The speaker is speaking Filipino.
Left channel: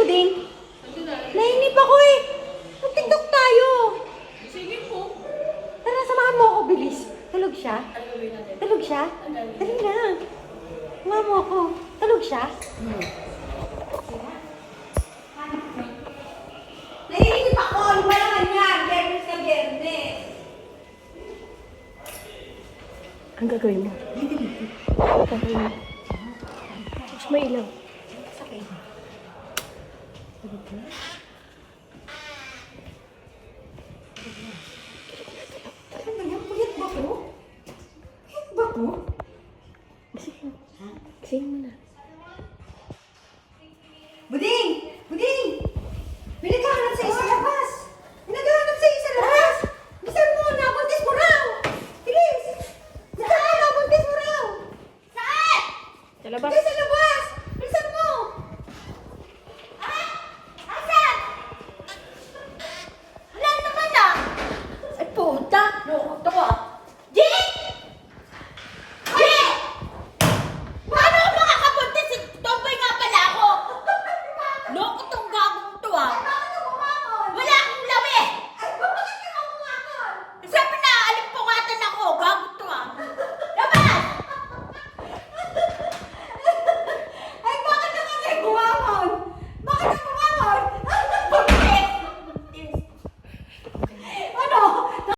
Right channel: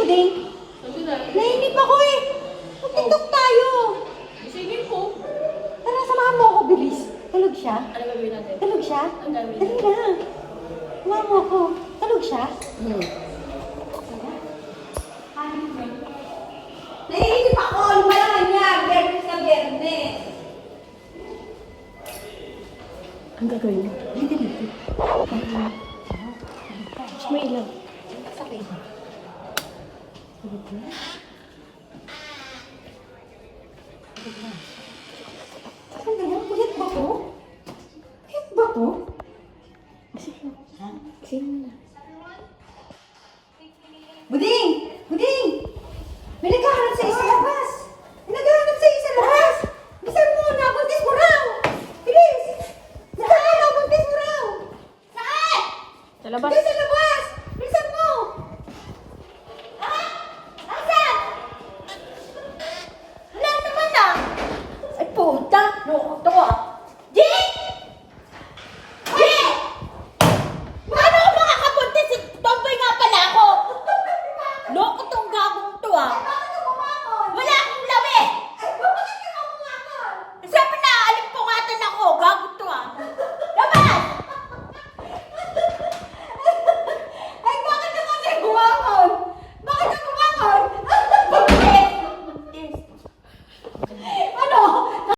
Buding? Nainip ako eh. Mag-tiktok tayo. Sige po. Tara, samahan mo ako, bilis. Tulog siya? Ano gagawin natin? Tulog siya? Ang dami. Dali na. Samahan mo ako. Tulog siya? Nainip ako. Iba naman yan. Biyernes na biyernes. Ang gagawin mo? Gagawin mo. May ilaw. Ano ganyan? Puyat ba ko? Puyat ba ko? Gising mo na. Buding! Buding! May naghahanap sa'yo sa labas! May naghahanap sa'yo sa labas! Bisan mo! Nabuntis mo raw! Bilis! Saan? Nabuntis mo raw! Saan? Sa labas. Bilis sa labas! Bilisan mo! Asan? Wala naman ah! Ay puta! Loko to ah! Jake! Jake! Paano ako makakabuntis? Tomboy nga pala ako! Loko tong gagong to ah!